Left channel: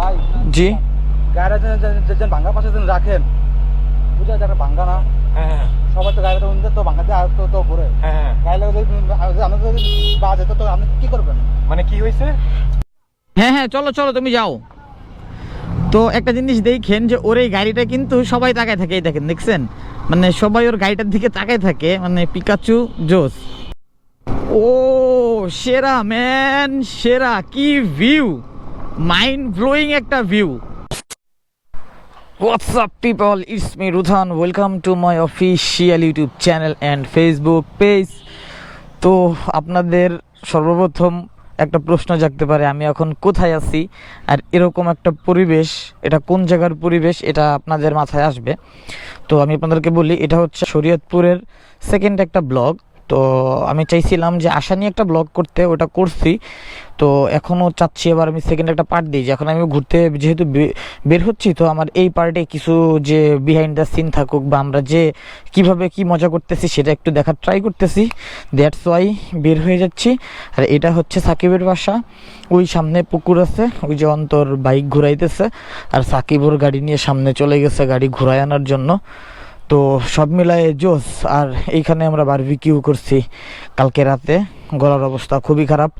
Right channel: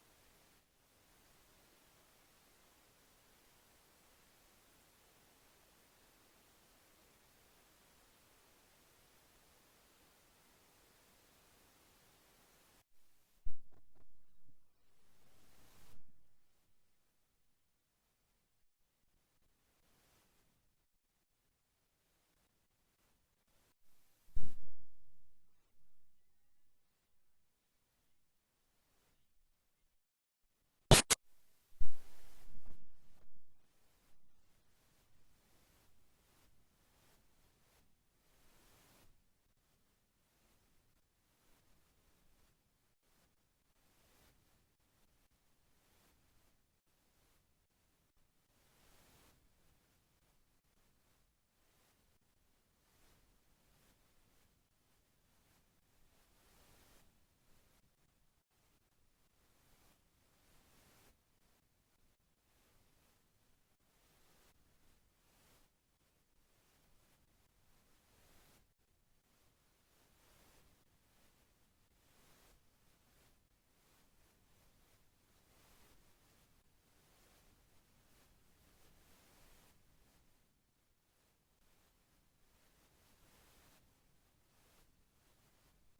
ভাই। জি। গাড়িটা যেন- ভাঙ্গা পাশে যেন রাখেন। বুঝা যারা ভাঙ্গা না? হ্যাঁ সবাই তো গাড়িটা উনি তো ভাঙ্গাতে আর তো তো ঘুরে। হ্যাঁ গাড়ি যদি আমাদের যদি বাজে তো তো আপনি কি করবেন? মানে কি হয়েছে? হ্যাঁ হ্যাঁ চলো চলো তুমি যাও। তো একটা জিনিস দেখেন যে ওর এই গাড়িটা কিন্তু সবাই তাকায় থাকে এই দেখেন দেখছেন? মানে সবাই ওর গাড়িটার দিকে তাকায় থাকে মানে পিকাচু জোস ও সেরা ম্যান সেরা কি ভিউ মাইন্ড ব্লোয়িং একটা view what's up people it's me Rudhan welcome to my official YouTube channel and Facebook page তো আপনাদের সর্বপ্রথম একটা প্রশ্ন জাগতে পারে, আমি এখন কোথায় আছি আর এরকম একটা পরিবেশ, এটা কোন জায়গার পরিবেশ, এটা আপনাদের মাথায় আসবে। তো আমি আপনাদেরকে বলি, এটা হচ্ছে শরীয়তপুরের সেকেন্ড একটা ব্লগ তো আমি চাইছিলাম যে আশা নিয়ে একটা ব্লগ করতে, ওটা করছি। তো এখনও চাচ্ছি এবার আমি সেকেন্ড একটা পার্ট দিই যে এখন আমি ঘুরতে যেহেতু বের হচ্ছি, তো আমার এই পার্টে কিছু যে বিহাইন্ড দ্য সিন থাকুক বা আমরা যে কীভাবে কি মজা করতেছি সেটা একটু দেখার ট্রাই করতেছি। দ্যাটস ওয়াই বের হয়ে যাচ্ছি। আর এটা হচ্ছে সাকিবের বাসা। ওই সামনে পুকুর আছে, ওই যে অন্তর বাইক ঘুরাইতেছে। আর সাকিব ওর গাড়ি নিয়ে সামনে চলে গেছে গাড়ি ঘুরায় আনার জন্য। তো সব মিলায়ে জোস, আর এইখানে আমরা বারবিকিউ করছি কালকে রাতে। গলার অবস্থা খুবই খারাপ।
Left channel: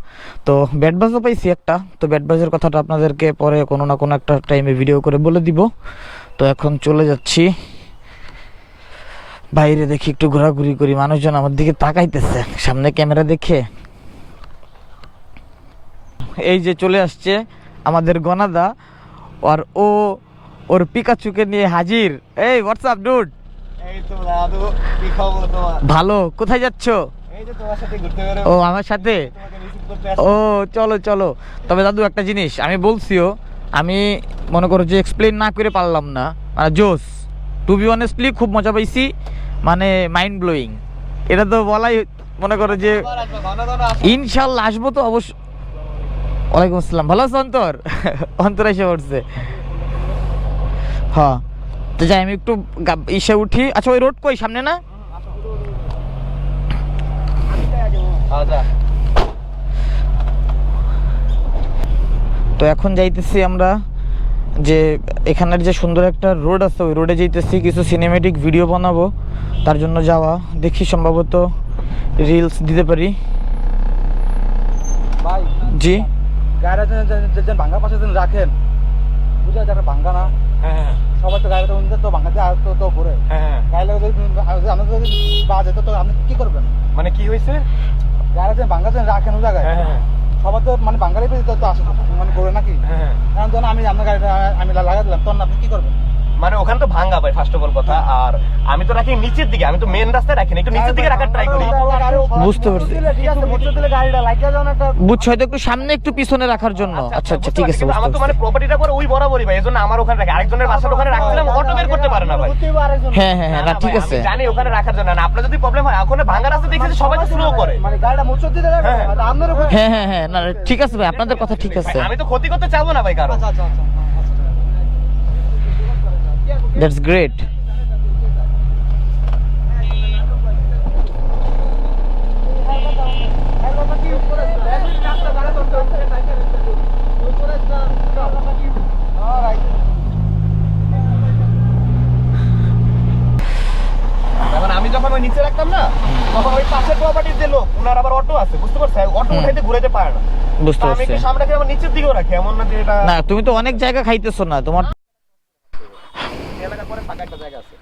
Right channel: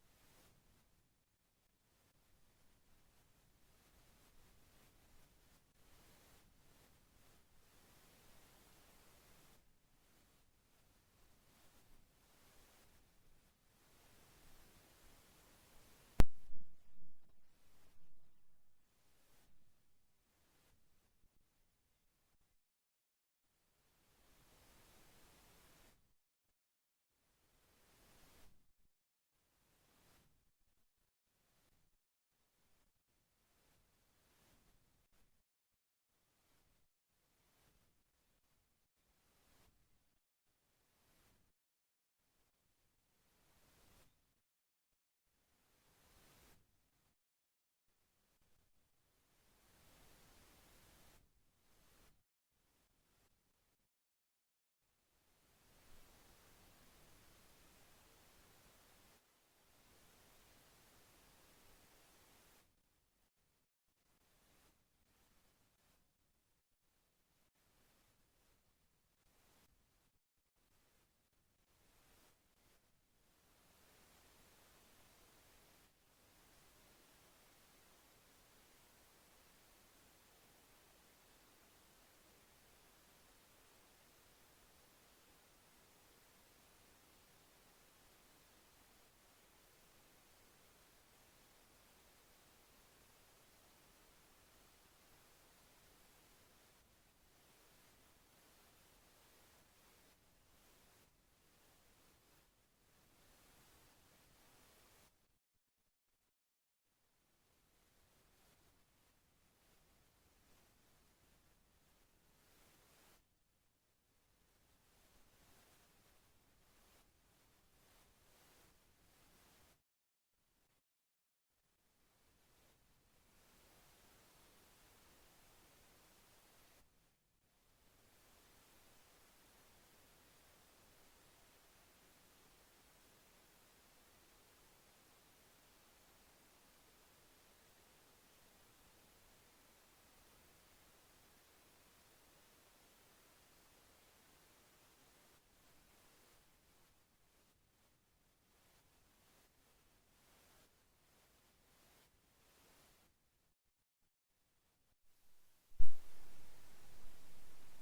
তো ব্যাট বাজও পাইছি একটা। তো ব্যাট বাজের কথাটা আপনাদেরকে পরে কোনো না কোনো একটা টাইমে ভিডিও করে বলে দিব। তো এখন চলে যাচ্ছি। বাইরে দেখি একটু ঘোরাঘুরি করি। মানুষজন আমার দিকে তাকাইতেছে। সামনে ক্যামেরা দেখে। এই যে চলে আসছে আমাদের গনাদা, আর ও ওর পিকাচুকে নিয়ে হাজির। এই হোয়াটসঅ্যাপ ডুড ভালো কোথায় যাচ্ছ? ও আমার সাথে? ও চলো চলো। তবে দাদু একটা জিনিস আমি বলছিও আমি মনে করো যে এক্সপ্লেন না করে পারলাম না। মানে জোস টু বি অনেস্টলি খুব মজা পাইছি মানে মাইন্ড ব্লোয়িং এটা তো বলাই মনে করো যে ইনশাল্লাহ আসব তো অবশ্য ওয়ালাইকুম আসসালাম। ভালো আছো অন্তর? অন্তর এসে পড়ছে। হ্যাঁ। তো যাই আমি একটু ইসে উঠি। আচ্ছা ওই রোড কই? সামনে না? তো এখন যাইতেছি আমরা যে এখানের যে সুন্দর একটা রোড আছে ওই রোডে যাইতেছি কিছু সিনেমেটিক ভিডিও বানাবো। তার জন্য যাওয়া। দেখি সম্ভবত রিলস দিতে পারি। ভাই জি? যেন রাখেন বুঝা যারা ভাঙ্গা না। হ্যাঁ। সবাই তো গাড়িটা উনি তো ভাঙ্গাতে আর তো তো ঘুরে। হ্যাঁ গাড়ি লাগে যদি আমাদের যদি বা তো তো আপনি কি করবেন? মানে কি হয়েছে? যেন ভাঙ্গা যেন রাখেন ওই জায়গায়। হ্যাঁ সবাই তো মানে বাঙালি তো তো আসে মানে ঘুরে নাকি? হ্যাঁ আমি আপনার গাড়িটা আমি লাগাই দিলাম তখন আপনি কি করবেন? মানে ওখানে তো ভাঙা ভাই ফার্স্ট অফ অল কথা। আর আমি তো রাখি নিচের দিকে আমি তো মেন রাস্তায় রাখি না। একটু নিচের দিকে রাখার ট্রাই করি। বুঝতে পারছি। বুঝছ? হয়তো একটু সামনে একটু পিছনে রাখার জন্য। আচ্ছা আচ্ছা ঠিক আছে আমার তো মানে প্রপার্টিটা পরে ওই বরাবরই ভাই এজন্য আমার ওখানে রাখি। আরেকজনের বাসার ওখানে রাখছিলাম অটো বের করতে পারে না ভাই। হ্যাঁ হ্যাঁ হ্যাঁ না, ঠিক আছে। জানি ওখানে রাখার জন্য। না আপনার যদি প্রবলেম হয় ওখানে ভাঙা রাস্তা দেখেছি সবাই তো স্লো করে। মানে গাড়িটা মোটর দিলে রাখবে হ্যাঁ। আপনারও হ্যাঁ হ্যাঁ হ্যাঁ না ঠিক আছে ভাই আপনাদের কথা ঠিক আছে। আমি তো ক্ষতি করতে চাবো না ভাই কারও। আচ্ছা আচ্ছা আচ্ছা। দ্যাটস গ্রেট আমি যখন ওই নিচে রাখতাম না তখন ওই পাশের প্রপার্টির যে লোক ওনার আবার অটো আছে বুঝতে অটো। উঠাইতে পারে না। বুঝতে তো আমি কি সামনে রাখি আবার নিচের দিকেও রাখি? এমন না যে এটা না তুমি তো অনেক জায়গা খাইতেছো না তোমার এলাকা পরে ফাঁকা একটা জায়গা আছে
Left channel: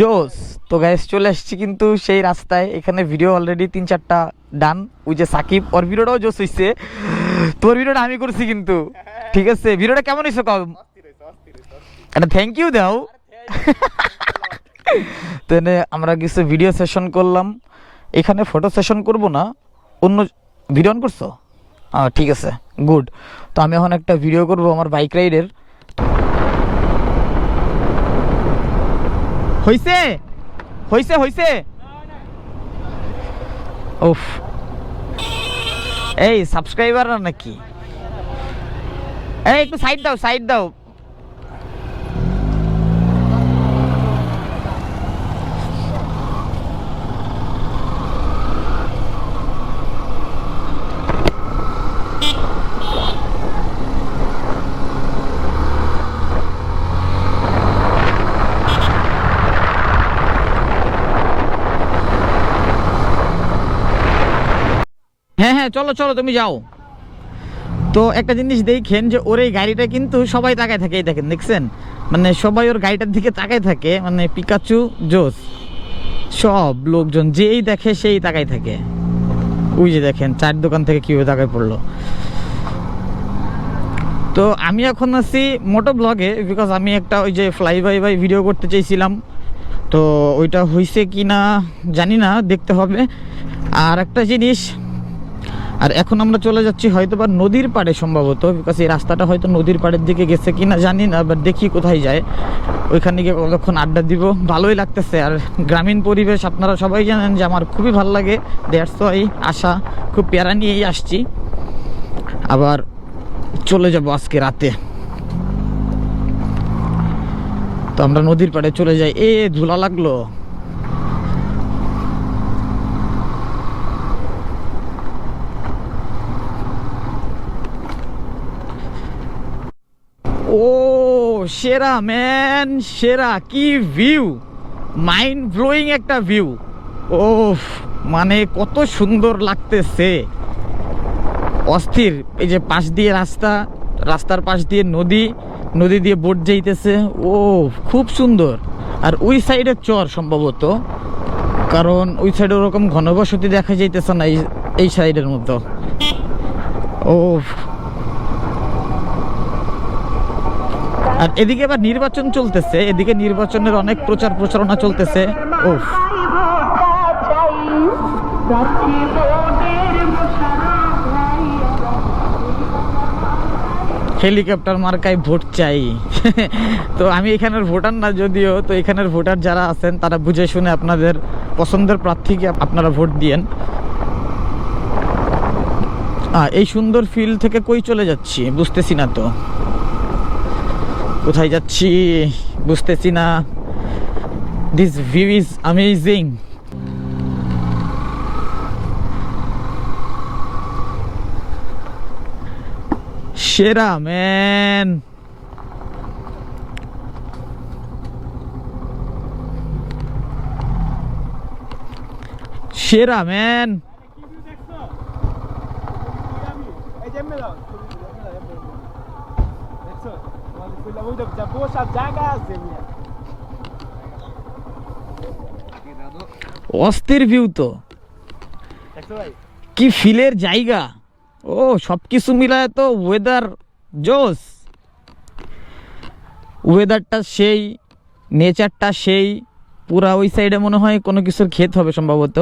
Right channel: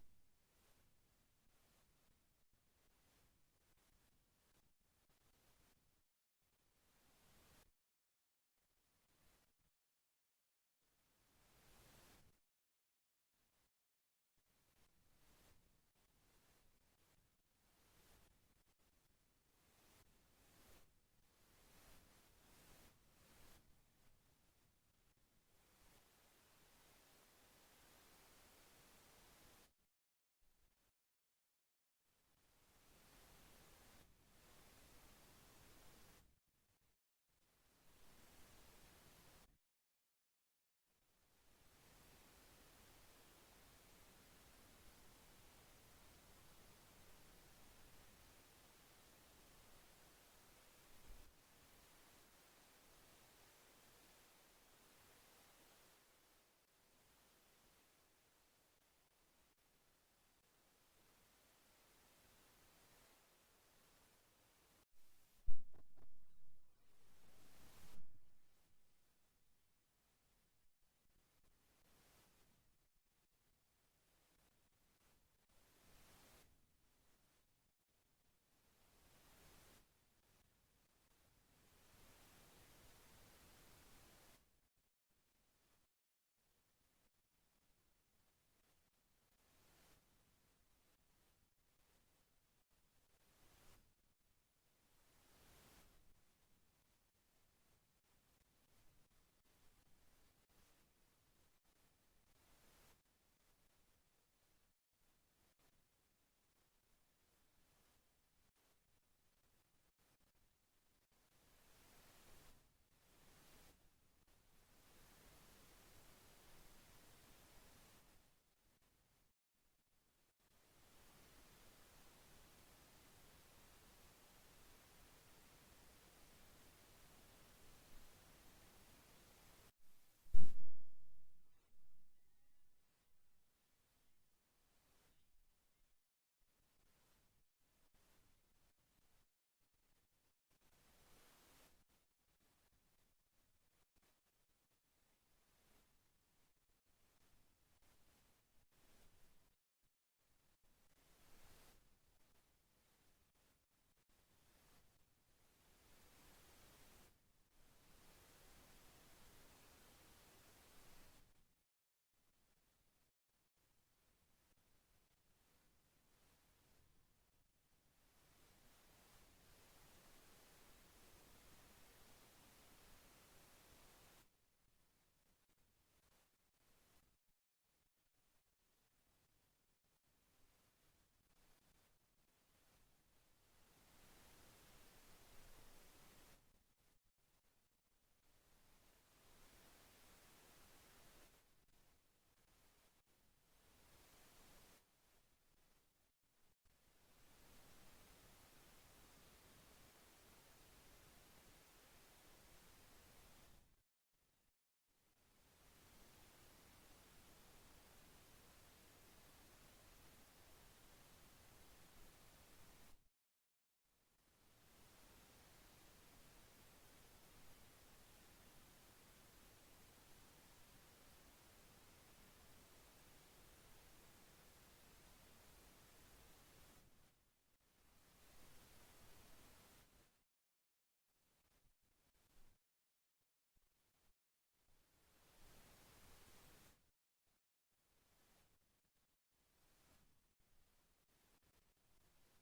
জোস, তো গাইস চলে আসছি কিন্তু সেই রাস্তায়। এখানে ভিডিও অলরেডি তিন চারটা ডান ওই যে সাকিব। ওর ভিডিওটাও জোস হইছে। তোর ভিডিওটা আমি করছি কিন্তু। ঠিক আছে? ভিডিওটা কেমন হয়েছে কম একটা থ্যাংক ইউ দাও। তো আমরা কিছু ভিডিও সেশন করলাম। এখানে ফটো সেশন করব না। অন্য ভিডিও অন করছ? ঠিক আছে। গুড তো আমি এখন একটা ভিডিও করব আমার বাইক রাইডের হইছে? হইছে হইছে? উফ। এই সাবস্ক্রাইবার নাকি? এই একটু সাইড দাও সাইড দাও। হ্যাঁ হ্যাঁ চলো চলো, তুমি যাও। তো একটা জিনিস দেখেন যে ওর এই গাড়িটা কিন্তু সবাই তাকায় থাকে, এই দেখেন, দেখছেন? মানে সবাই ওর গাড়িটার দিকে তাকায় থাকে মানে পিকাচু জোস সব লোকজন, যেই দেখে সেই তাকায় থাকে। ওই যে দেখেন চার দোকান থেকে কীভাবে তাকায় পড়ল। তো আমি এখন আছি মোটো ব্লগে বিকজ আমি একটা ওই যে ফ্লাই বাই বাই ভিডিও করতে চাইছিলাম। তো ওইটা হয়েছে কি না জানি না, দেখতে হবে। আর একটা জিনিস আর এখন আমরা চলে যাচ্ছি হয়তো বা নদীর পাড়ে সম্ভবত বিকজ এই রাস্তাটা হয়তো নদীর পাড়ের দিকে গেছে কি না জানি না বাট দেখি কোথায় যায়। ওইখানে গিয়ে কতক্ষণ আড্ডা দিব। ভালোই লাগতেছে। আর গ্রামীণ পরিবেশ, আপনারা সবাই জানেন যে আমার খুবই ভালো লাগে। দেড়শ এই আশা, খুব প্যারা নিয়েই আসছি। আবার চলে যাব আজকে রাতে। তো আমরা নদীর পাড়ে চলে যাই। এ, ধুলা লাগল। ও, সেরা ম্যান সেরা, কি ভিউ মাইন্ড ব্লোয়িং একটা ভিউ ও মানে কত সুন্দর লাগতেছে। অস্থির, এই যে পাশ দিয়ে রাস্তা, রাস্তার পাশ দিয়ে নদী নদী দিয়ে বোট যাইতেছে। ও খুব সুন্দর। আর ওই সাইডের চর সম্ভবত, কারণ ওই সাইডে ওরকম ঘনবসতি দেখা যাইতেছে না এই সাইডের মতো। ও আর এদিকে আবার নির্বাচন চলতেছে, এদিকে নির্বাচনের অনেক প্রচার প্রচারণা চলতেছে। ও হেলিকপ্টার মার্কায় ভোট চাই। তো আমি এখানের ভোটার না যদিও, তো এখানের ভোটার যারা আছেন, তারা বুঝে শুনে আপনাদের পছন্দের প্রার্থীকে আপনারা ভোট দিয়েন। এই সুন্দর ফিল্ড থেকে কই চলে যাচ্ছি? বুঝতেছি না তো। কোথায় যাচ্ছি বুঝতেছি না। দিস ভিউ ইজ অ্যামেজিং সেরা ম্যান সেরা ম্যান অস্থির ভিউ তো। কি ফিলের জায়গা? ও সব কিছু মিলায় তো ওয়েদার জোস ওয়েদারটা সেই নেচারটা সেই। পুরা ওই সাইডে মনে হয় কোনো কিছুর ক্ষেত হবে সম্ভবত।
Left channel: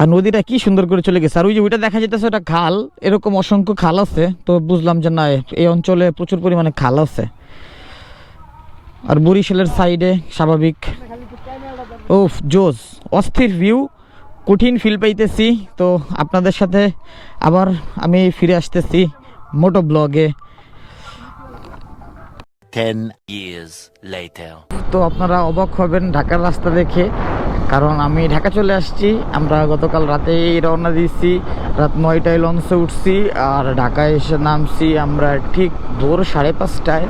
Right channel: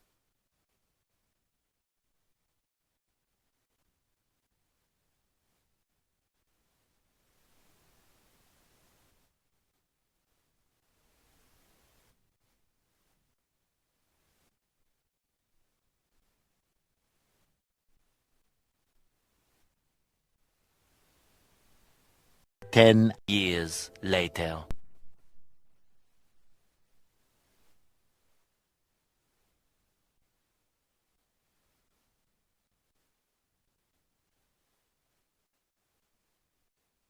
আর নদীটা কি সুন্দর করে চলে গেছে। আর ওই যে ওইটা দেখা যেতেছে ওটা খাল। এরকম অসংখ্য খাল আছে। তো বুঝলাম যে না এই অঞ্চলে প্রচুর পরিমাণে খাল আছে। আর বরিশালের সাইডে স্বাভাবিক। ও জোস অস্থির ভিউ কঠিন ফিল পাইতেছি। তো আপনাদের সাথে আবার আমি ফিরে আসতেছি মোটো ব্লগে। 10 years later. তো আপনারা অবাক হবেন ঢাকার রাস্তা দেখে। কারণ আমি ঢাকা চলে আসছি। আমরা গতকাল রাতেই রওনা দিয়েছি। রাত নয়টায় লঞ্চে উঠছি আর ঢাকায় এসে নামছি আমরা ঠিক ভোর সাড়ে পাঁচটায়।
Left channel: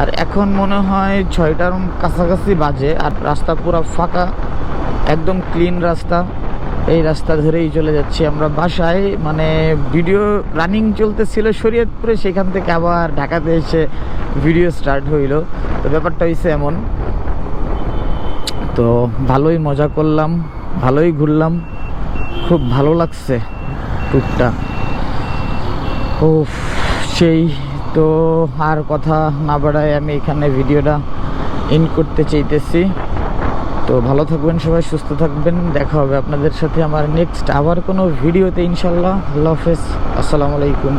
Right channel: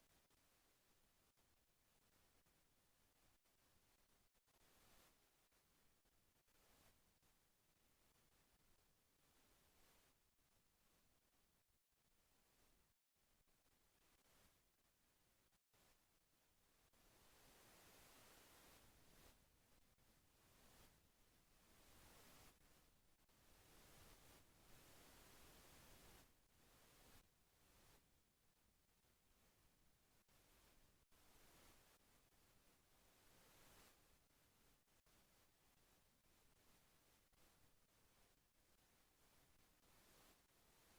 আর এখন মনে হয় ছয়টার কাছাকাছি বাজে আর রাস্তা পুরো ফাঁকা, একদম ক্লিন রাস্তা। এই রাস্তা ধরেই চলে যাচ্ছি আমরা বাসায়। মানে ভিডিও রানিং চলতেছিল শরীয়তপুরে, সেখান থেকে আবার ঢাকাতে এসে ভিডিও স্টার্ট হইল। তো ব্যাপারটা হয়েছে এমন। তো ভালোই মজা করলাম, ভালোই ঘুরলাম, খুব ভালো লাগছে ট্যুরটা। ও সেই তো আর কথা না বাড়ায় আমি এখানে ভিডিওটা ইন করতে চাইতেছি। তো ভালো থাকবেন সবাই, সুস্থ থাকবেন, দেখা হবে আপনাদের সাথে আমার নেক্সট আবার কোনো ভিডিওতে ইনশাল্লাহ আল্লাহ হাফেজ, আসসালামু আলাইকুম।